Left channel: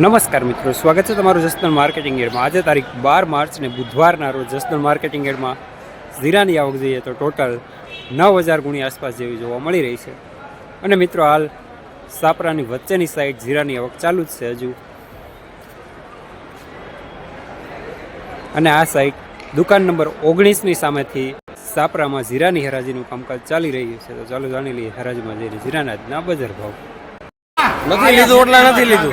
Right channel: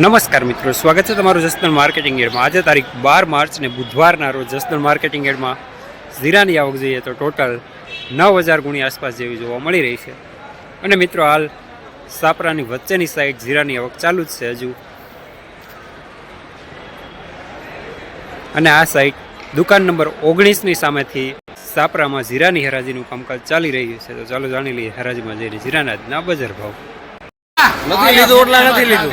નમસ્કાર મિત્રો, સ્વાગત છે તમારું જસદણ માર્કેટિંગ એડમાં. આજે તારીખ બાર માર્ચ ને બુધવારના રોજ જસદણ માર્કેટિંગ એડમાં જીરાની આવક જોઈએ તો ટોટલ નવ હજાર ગુણી આસપાસ જેવી જોવા મળી રહી છે. અને મિત્રો, હાલ સાપરાની વચ્ચેની સાઈડ જીરાની આવક ચાલુ જ છે હજુ. અને આ સાઈડ દુકાન નંબર ઓગણીસની સામેથી સાપરામાં જીરાની હરાજીનું કામકાજ ચાલી રહ્યું છે. તો ચાલો જાણી લઈએ હરાજીમાં જઈને આજના બજાર ભાવ. નથી લીધું એટલા નથી લીધું.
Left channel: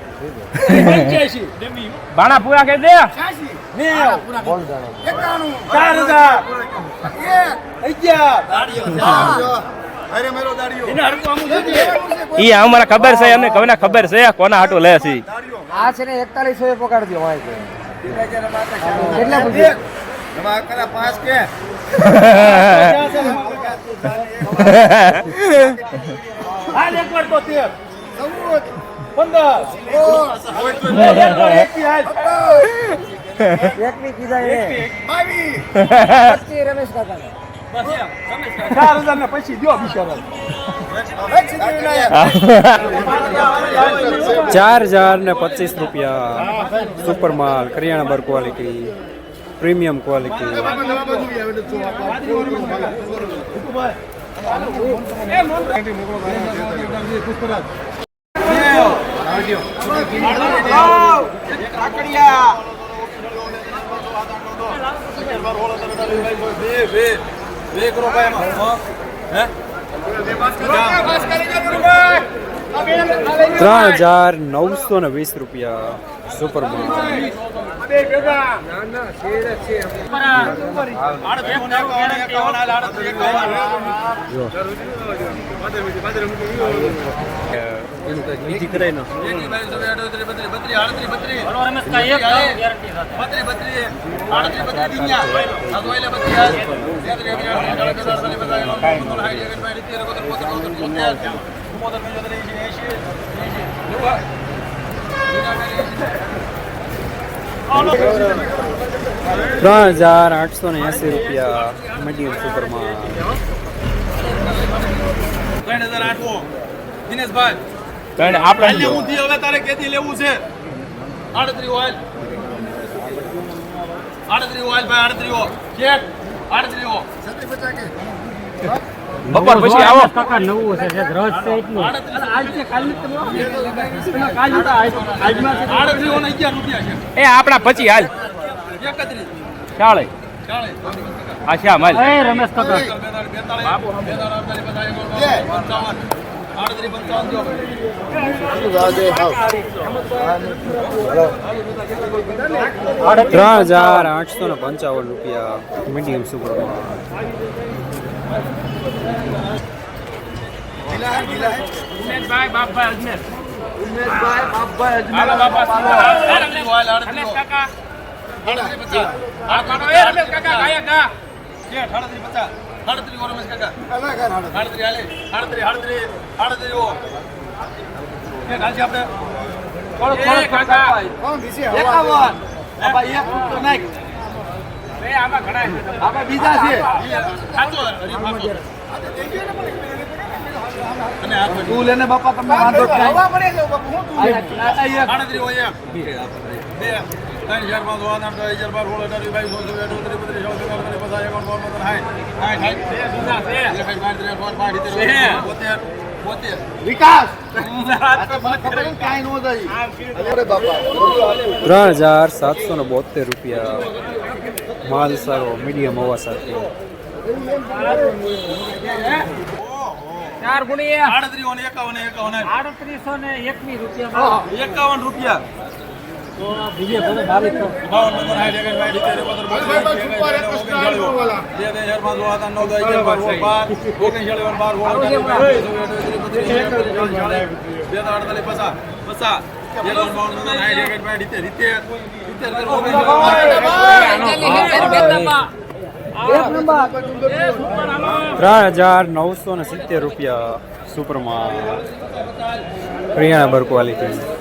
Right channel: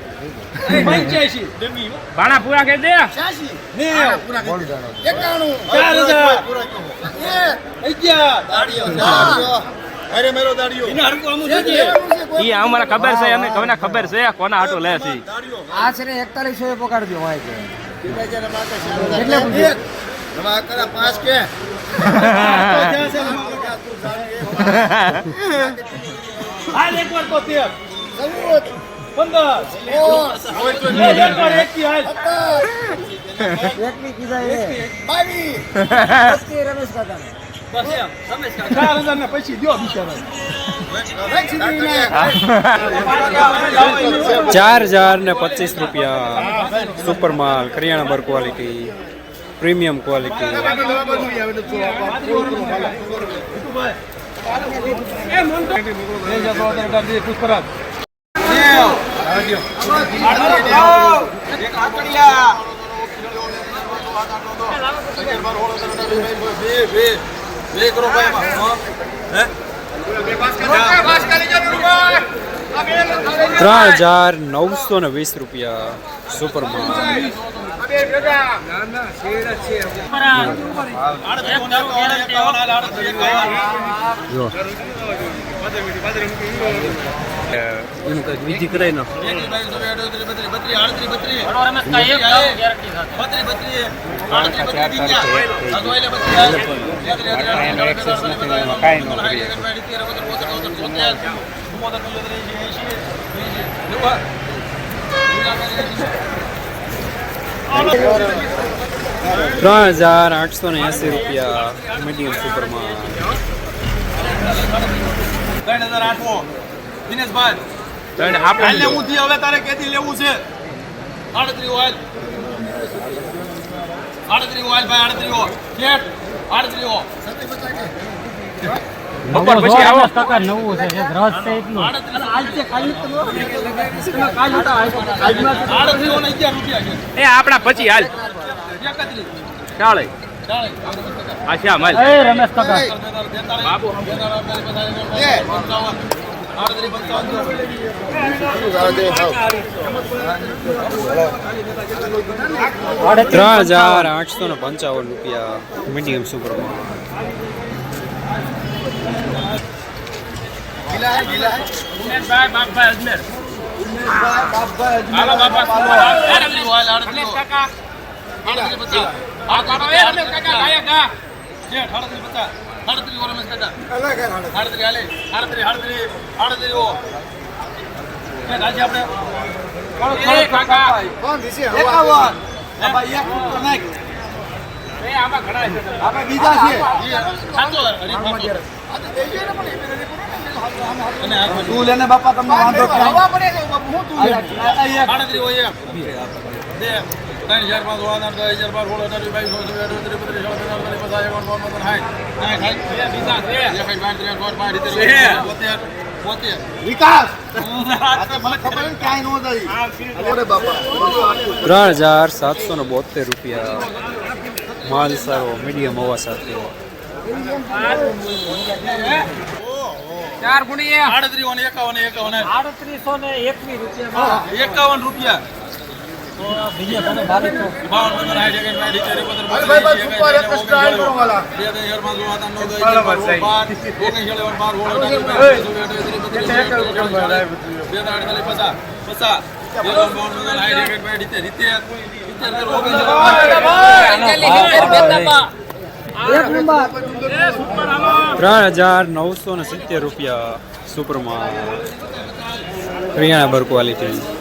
ભાણા પૂરા દે. ઈ અમારે ખબર છે એમને કોને ખબર છે કોના હાટો લે છે આ છે ને એકતાલીસો એ પકડજો હોય છે. પાંચ કે. એકની કીધા એ પચીસ રમેશ કાકાને ચાર હજાર ને પચીસ રૂપિયા. સુપર માલ કરિયાણા બર ક્વોલિટી પ્રીમિયમ ક્વોલિટી ત્રણ હજાર નવસો ને વીસ રૂપિયા સુપર માલ જો એનું કંઈક વિધિ કરાય નો ત્રણ હજાર આઠસો ને એસી રૂપિયા મીડિયમ સુપર દિનેશભાઈ. કારણ આપણે હવે તારે કેથી લેવું છે? આડત્રી ઓઇલ આડત્રી ઓઇલ ભાઈ આડત્રી ઓઇલ કેટ આડત્રી ઓઇલ આપણા પછી હાલ. ચાલે. ચાલે આ એ રમેશ કાકા. ત્રણ હજાર આઠસો ને પંચાવન રૂપિયા મીડિયમ સુપર માલ. ઉમેશભાઈ બાપભાઈ અજમેર. બાપા ઓઇલ આડત્રી પચાસ આ કાઢો એ રમેશ કાકા ગાયક ગા કેટ આડત્રી પચાસ આડત્રી ઓ રમેશ કાકા. આડત્રી હાલે આડત્રી આડત્રી આડત્રી ઓ. કેટ હાલશે આપણે એ કાકા. એકાવન ભાઈ એક રૂપિયો નાખ. એ આમાં ઘણા છે. આપણે બીજા છે સાચો હરી ફાસો અને આ તું લેને બાપા તમને વાંધો હવા પડે છે બાપુ હું તું આડત્રી હોય બે. ત્રણ હજાર પાંચ આઠ આઠ હજાર બાર સોળ અઢાર વીસ બાવીસ ચોવીસ ચોવીસ અઠ્યાવીસ બત્રીસ ચોવીસ પચાસ પચાસ એકાવન બાવન પંદર સાઠ. સાઠ. બોતેર બોતેર વિકાસ ત્રણ હજાર સાતસો ને બોતેર રૂપિયા માલ સારો મીડિયમ હોવા સાથે. ચાર ગુણી આડત્રીસો ને એકાવન એકાવન આડત્રીસો ને એકવીસ રૂપિયા એકાવન રૂપિયા. બાવન પંદર સાઠ એકસઠ બાર સિત્તેર એકોતેર બોતેર એંસી એકાસી એકાવન ઓગણચાળીસ બે ત્રણ ચાર પાંચ છ સાત આઠ નવ દસ અગિયાર બાર સોળ બાર ઓગણચાળીસ બાર સોળ અઢાર વીસ બાવીસ ચોવીસ અઠ્યાવીસ ત્રીસ બત્રીસ ચાલીસ ચાલીસ ચાલીસ બે ત્રણ અડતાલીસ પચાસ પચાસ એકાવન બાવન પંદર સાઠ એકસઠ બાર સિત્તેર સિત્તેર સિત્તેર ઓગણચાળીસ ત્રણ હજાર નવસો ને સિત્તેર રૂપિયા સુપરમાં હરિયાણા બર ક્વોલિટી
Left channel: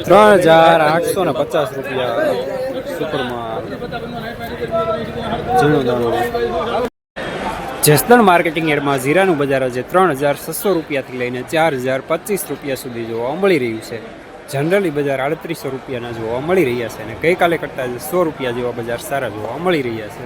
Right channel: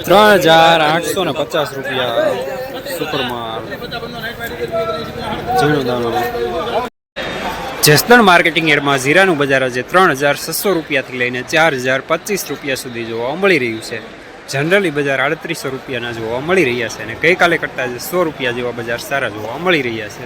ત્રણ હજાર આઠસો ને પચાસ રૂપિયા સુપરમાં ઝીણું દાણું જસદણ માર્કેટિંગ એડમાં જીરાનું બજાર આજે ત્રણ હજાર છસો રૂપિયાથી લઈને ચાર હજાર પચીસ રૂપિયા સુધી જોવા મળી રહ્યું છે જનરલી બજાર આડત્રીસો રૂપિયાના જોવા મળી રહ્યા છે અને ગઈકાલે કરતાં સો રૂપિયા જેવા બજાર સારા જોવા મળી રહ્યા છે.